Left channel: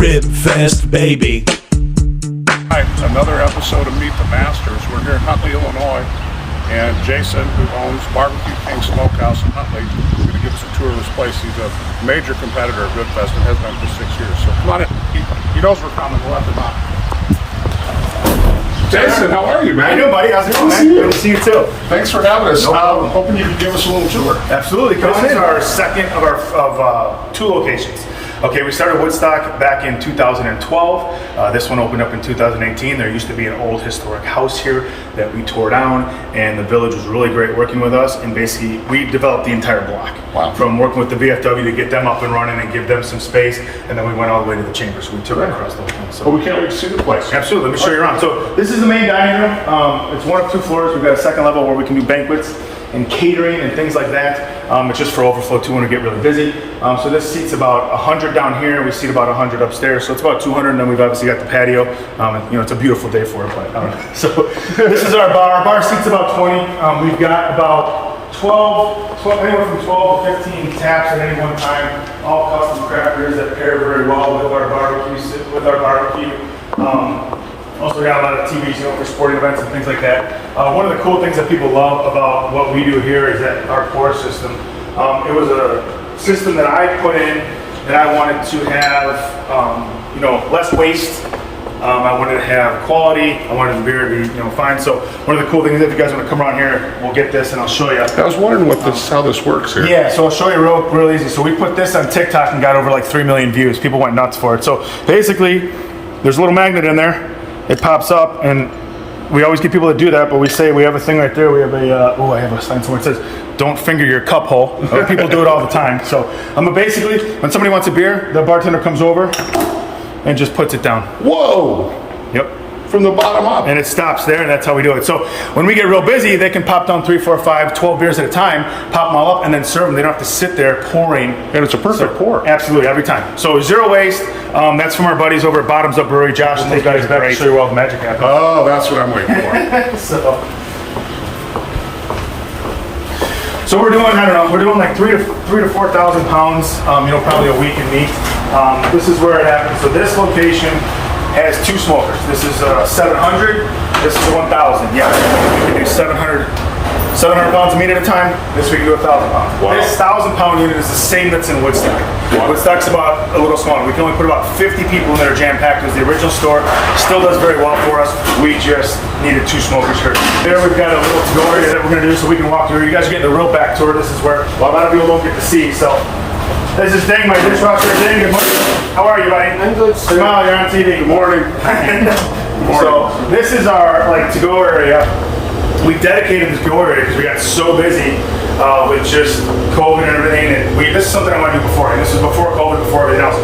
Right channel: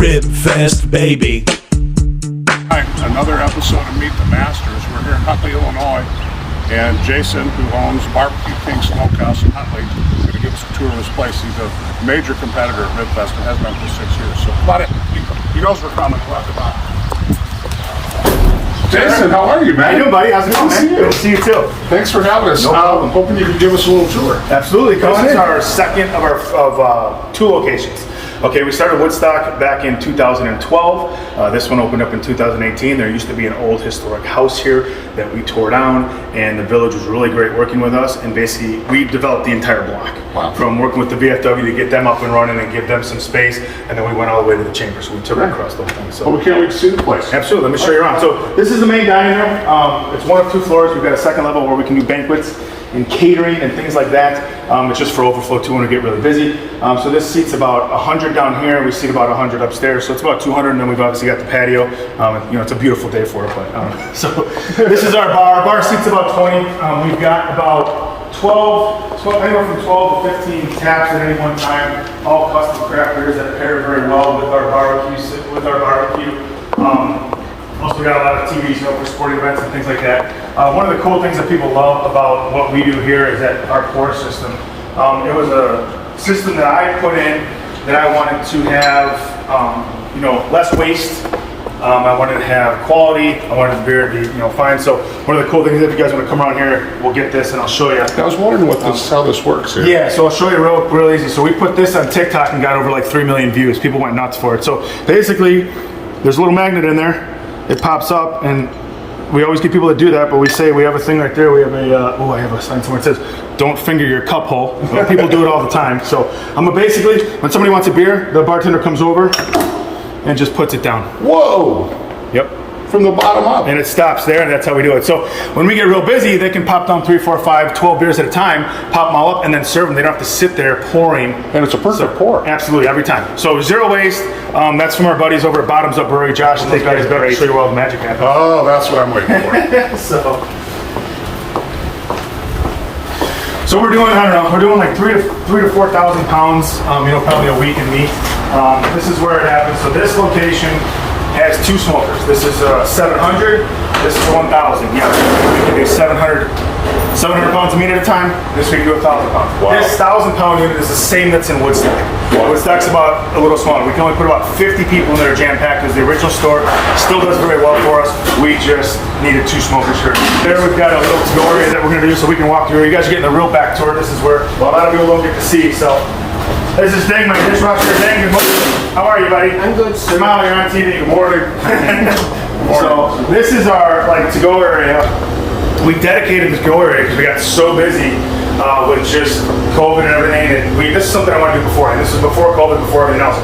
Ribfest, baby. Hi, another episode of Meet the Masters. We're here in Huntley, Illinois, and Jason, who owns BBQ King Smokehouse in Huntley, is going to give us a tour of his place. He's a major competitor at Ribfest and has been for 6 years. So come on in. He knows we're coming. We'll have to talk. Jason, how are you, man? How you doing, buddy? How's it going, man? Good to see you too. Thanks for having us. I'm hoping you can give us a little tour. Absolutely. This is our second of two locations. Okay, we started Woodstock back in 2012. This one opened up in 2018. There used to be an old historic house here that we tore down, and the village was really great working with us. And basically, we developed the entire block. Wow. From working with the VFW to get them up and running and give them some space, and then we went all the way to the chamber. So we took it across the whole thing. So Well, we can't wait to see the place. absolutely. Let me show you around. So this is the main dining room. It's one of two floors. We've got a second level where we can do banquets and catering and things like that. It's just for overflow too when we get really busy. So this seats about 100 down here. We seat about 100 upstairs. So it's about 200, and then we've obviously got the patio. And, it's a beautiful day for it, but I don't know. So this is our bar. Our bar seats about 20. We've got about 12, anywhere from 12 to 15 taps at any one time. All custom craft beers that pair very well with our barbecue. Also got a lot of TVs, for sporting events and things like that. One of the cool things that people love about what we do here is that our pour system. It was a system that I put in that I wanted to have, less waste. I wanted to have quality. I wanted the beer to be, fine. So one of the cool things, if you guys want to come around here, we'll get this and I'll show you. I was wondering how this works here. Yeah, so I'll show you real easy. So we put this on TikTok and got over like 3 million views. People went nuts for it. So basically, there's a little magnet in there. It pops up, and we always get people to do that, but we say we have a thing right there. We have I have a sign somewhere that says, "Don't finger your cup hole." People do it all the time. So basically, when somebody wants a beer, the bartender comes over and just puts it down. Whoa! Yep. From the bottom up. And it stops there, and that's how we do it. So when we get real busy, they can pop down 3, 4, 5, 12 beers at a time, pop them all up, and then serve them. They don't have to sit there pouring. And it's a perfect pour. Absolutely, every time. So zero waste. That's from our buddies over at Bottoms Up Brewery. Josh and those guys back to show you where all the magic happens. Oh, that's what I'm waiting for. So we're doing like 3 to 4,000 pounds, probably a week in meat. This is where it happens. So this location has 2 smokers. This is 700, this is 1,000. Yeah, we can do 700 pounds of meat at a time. This we can do 1,000 pounds. Wow. This 1,000-pound unit is the same that's in Woodstock. Wow. Woodstock's about a little smaller. We can only put about 50 people in there jam-packed. It was the original store. Still does very well for us. We just needed 2 smokers here. There we've got a little to-go area that we're going to do so we can walk through. You guys are getting a real back tour. This is where a lot of people don't get to see. So this is Ding, my dishwasher. Ding, good morning. How are you, buddy? I'm good, sir. Smile, you're on TV. Good morning. So this is our to-go area. We dedicated this to-go area because we got so busy with just COVID and everything. And this is something I want to do before. And this is before COVID, before everything else.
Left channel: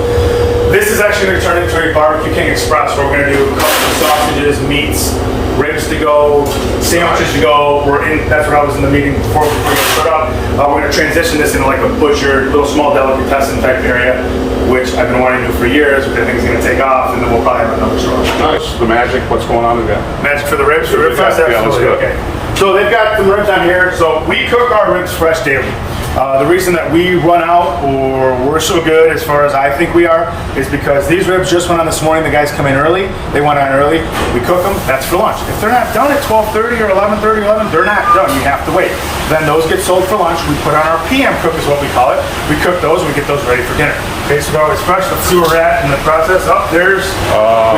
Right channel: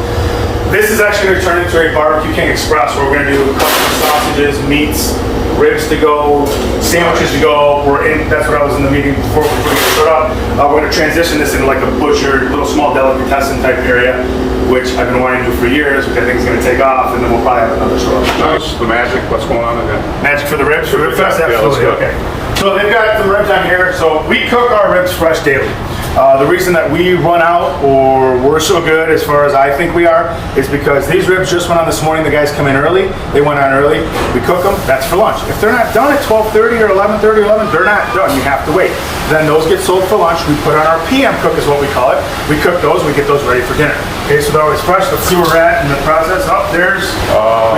This is actually going to turn into a BBQ King Express where we're going to do custom sausages, meats, ribs to go, sandwiches to go. That's what I was in the meeting before we showed up. We're going to transition this into like a butcher, little small delicatessen type area, which I've been wanting to do for years, which I think is going to take off, and then we'll probably have another show. Nice. The magic, what's going on in that? Magic for the ribs? For Ribfest? Yeah, let's go. Okay. So they've got the ribs on here. So we cook our ribs fresh daily. The reason that we run out, or we're so good as far as I think we are, is because these ribs just went on this morning. The guys come in early. They went on early. We cook them. That's for lunch. If they're not done at 12:30 or 11:30 or 11, they're not done. You have to wait. Then those get sold for lunch. We put on our PM cook is what we call it. We cook those. We get those ready for dinner. Okay, so they're always fresh. Let's see where we're at in the process. We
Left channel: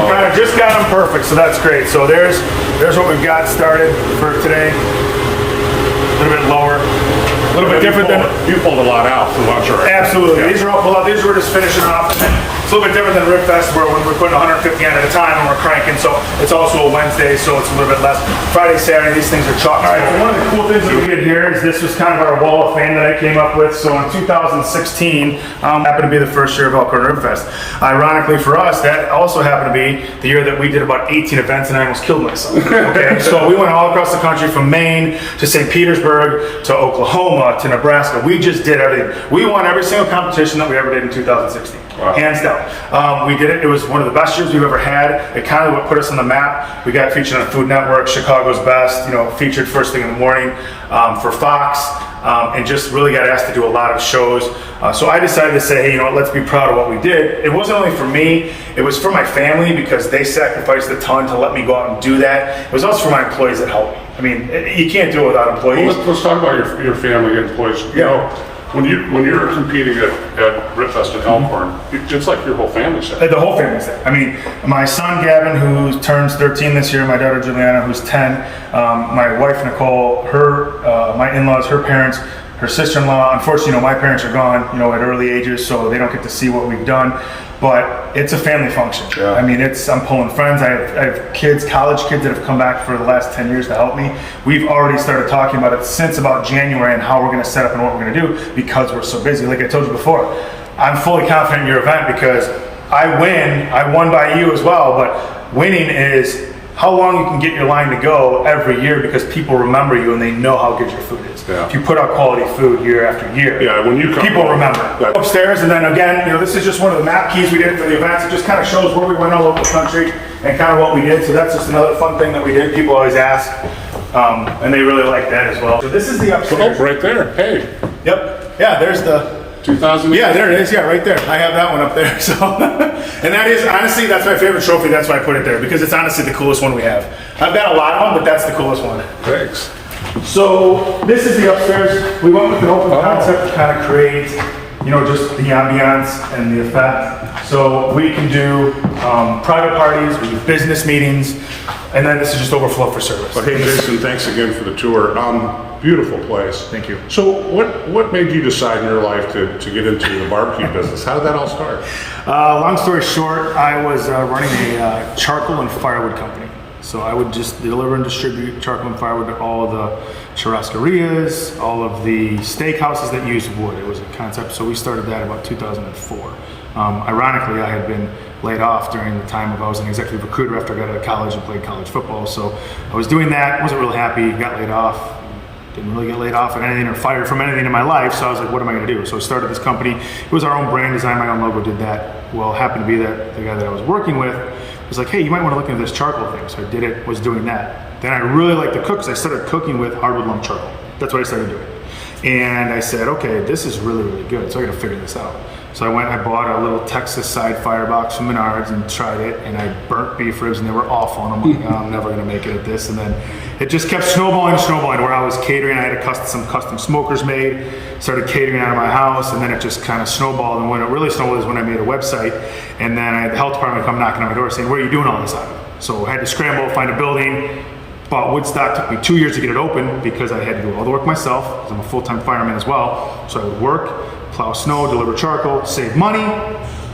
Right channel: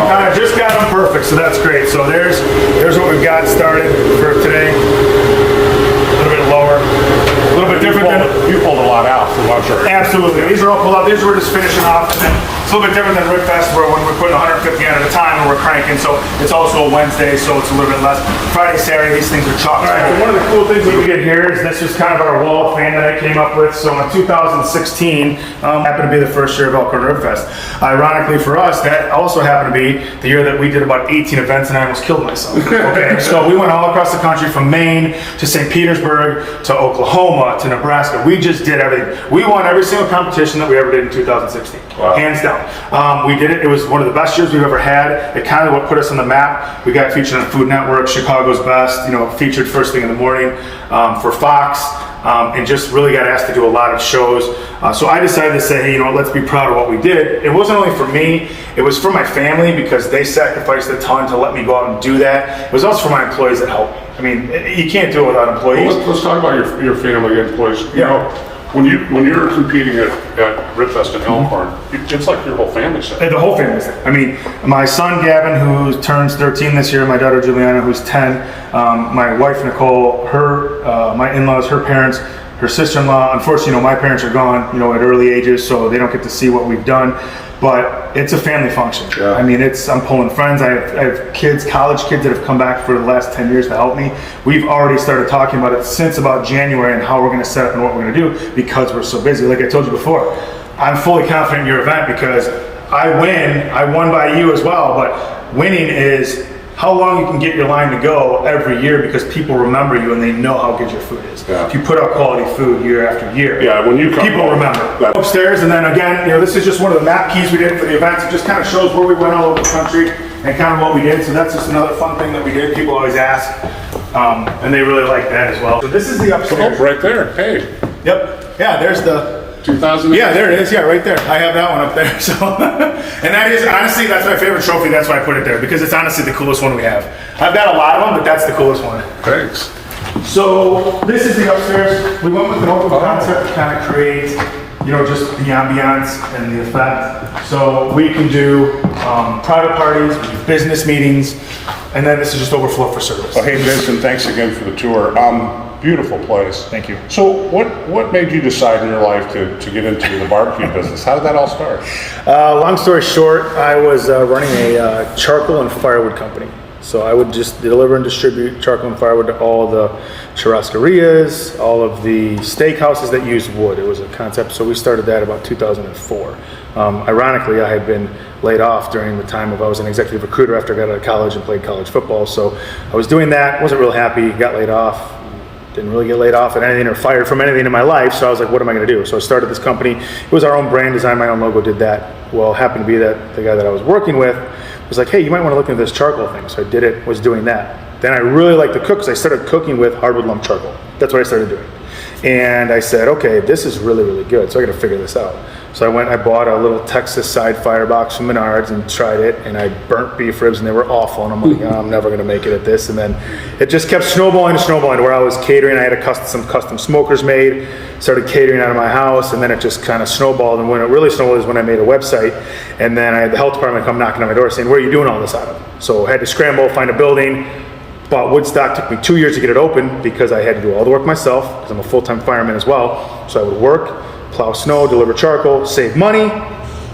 kind of just got them perfect, so that's great. So there's what we've got started for today. A little bit lower. A little bit different than you pulled a lot out for lunch already. Absolutely. Yeah. These are all pulled out. These we're just finishing off. And then it's a little bit different than Ribfest where we're putting 150 on at a time and we're cranking. So it's also a Wednesday, so it's a little bit less. Friday, Saturday, these things are chock. All right, so one of the cool things that we did here is this was kind of our wall of fame that I came up with. So in 2016, happened to be the first year of Elkhorn Ribfest. Ironically for us, that also happened to be the year that we did about 18 events and I almost killed myself. Okay, so we went all across the country from Maine to St. Petersburg to Oklahoma to Nebraska. We just did everything. We won every single competition that we ever did in 2016. Wow. Hands down. We did it. It was one of the best years we've ever had. It kind of what put us on the map. We got featured on Food Network, Chicago's Best, featured first thing in the morning for Fox. and just really got asked to do a lot of shows. So I decided to say, hey, you know, let's be proud of what we did. It wasn't only for me, it was for my family because they sacrificed a ton to let me go out and do that. It was also for my employees that helped me. I mean, you can't do it without employees. Well, let's talk about your family and employees. You know, when you're competing at Ribfest in Elkhorn, it's like your whole family's there. The whole family's there. I mean, my son Gavin, who turns 13 this year, my daughter Juliana, who's 10, my wife Nicole, my in-laws, her parents, her sister-in-law. Unfortunately, you know, my parents are gone, you know, at early ages, so they don't get to see what we've done. But it's a family function. Yeah. I mean, I'm pulling friends. I have kids, college kids that have come back for the last 10 years to help me. We've already started talking about it since about January and how we're going to set up and what we're going to do because we're so busy. Like I told you before, I'm fully confident in your event because I won by you as well, but winning is how long you can get your line to go every year because people remember you and they know how good your food is. Yeah. If you put out quality food year after year, when you come people remember. Upstairs, and then again, you know, this is just one of the map keys we did for the events. It just kind of shows where we went all over the country and kind of what we did. So that's just another fun thing that we did. People always ask, and they really like that as well. So this is the upstairs. Oh, right there. Hey. Yep. Yeah, there's the 2000. Yeah, there it is. Yeah, right there. I have that one up there. So, and that is honestly, that's my favorite trophy. That's why I put it there because it's honestly the coolest one we have. I've got a lot of them, but that's the coolest one. Thanks. So this is the upstairs. We went with an open concept to kind of create, you know, just the ambiance and the effect. So we can do private parties, we do business meetings, and then this is just overflow for service. Well, hey, Jason, thanks again for the tour. Beautiful place. Thank you. So what made you decide in your life to get into the barbecue business? How did that all start? Long story short, I was running a charcoal and firewood company. So I would just deliver and distribute charcoal and firewood to all the churrascarias, all of the steakhouses that use wood. It was a concept. So we started that about 2004. Ironically, I had been laid off during the time I was an executive recruiter after I got out of college and played college football. So I was doing that, wasn't real happy, got laid off. Didn't really get laid off at anything or fired from anything in my life, so I was like, what am I going to do? So I started this company. It was our own brand, designed my own logo, did that. Well, it happened to be that the guy that I was working with was like, hey, you might want to look into this charcoal thing. So I did it, was doing that. Then I really liked to cook, so I started cooking with hardwood lump charcoal. That's what I started doing. And I said, okay, this is really, really good, so I got to figure this out. So I bought a little Texas side firebox from Menards and tried it, and I burnt beef ribs, and they were awful. And I'm like, oh, I'm never going to make it at this. And then it just kept snowballing and snowballing where I was catering. I had some custom smokers made, started catering out of my house, and then it just kind of snowballed. And when it really snowballed is when I made a website, and then I had the health department come knocking on my door saying, where are you doing all this out of? So I had to scramble, find a building. Bought Woodstock, took me 2 years to get it open because I had to do all the work myself because I'm a full-time fireman as well. So I would work, plow snow, deliver charcoal, save money,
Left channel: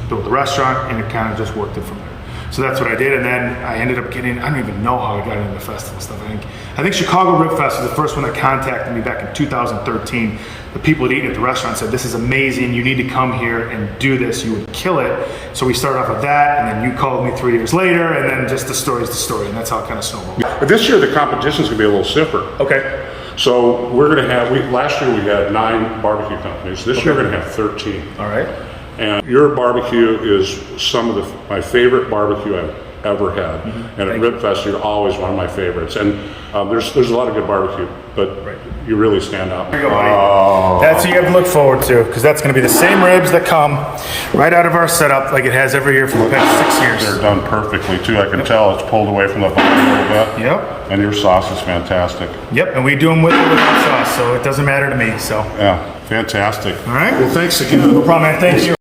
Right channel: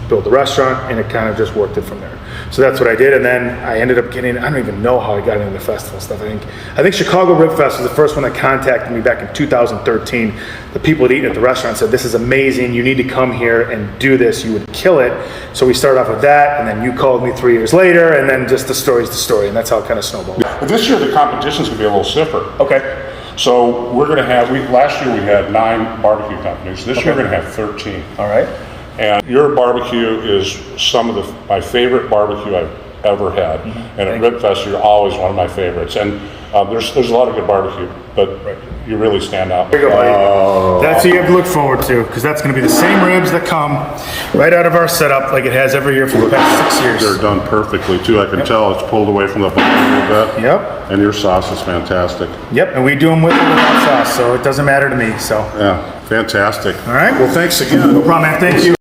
build the restaurant, and it kind of just worked it from there. So that's what I did, and then I ended up getting, I don't even know how I got into the festival stuff. I think Chicago Ribfest was the first one that contacted me back in 2013. The people that eat at the restaurant said, this is amazing, you need to come here and do this, you would kill it. So we started off with that, and then you called me 3 years later, and then just the story's the story, and that's how it kind of snowballed. This year the competition's gonna be a little stiffer. Okay. So we're gonna have, last year we had 9 barbecue companies. This year we're gonna have 13. All right. And your barbecue is some of my favorite barbecue I've ever had. Mm-hmm. And at Ribfest, you're always one of my favorites. And there's a lot of good barbecue, but you really stand out. There you go, buddy. That's what you have to look forward to, because that's going to be the same ribs that come right out of our setup like it has every year for the past 6 years. They're done perfectly, too. I can tell it's pulled away from the bone a little bit. Yep. And your sauce is fantastic. Yep, and we do them with the sauce, so it doesn't matter to me. So yeah, fantastic. All right. Well, thanks again. No problem, man. Thank you.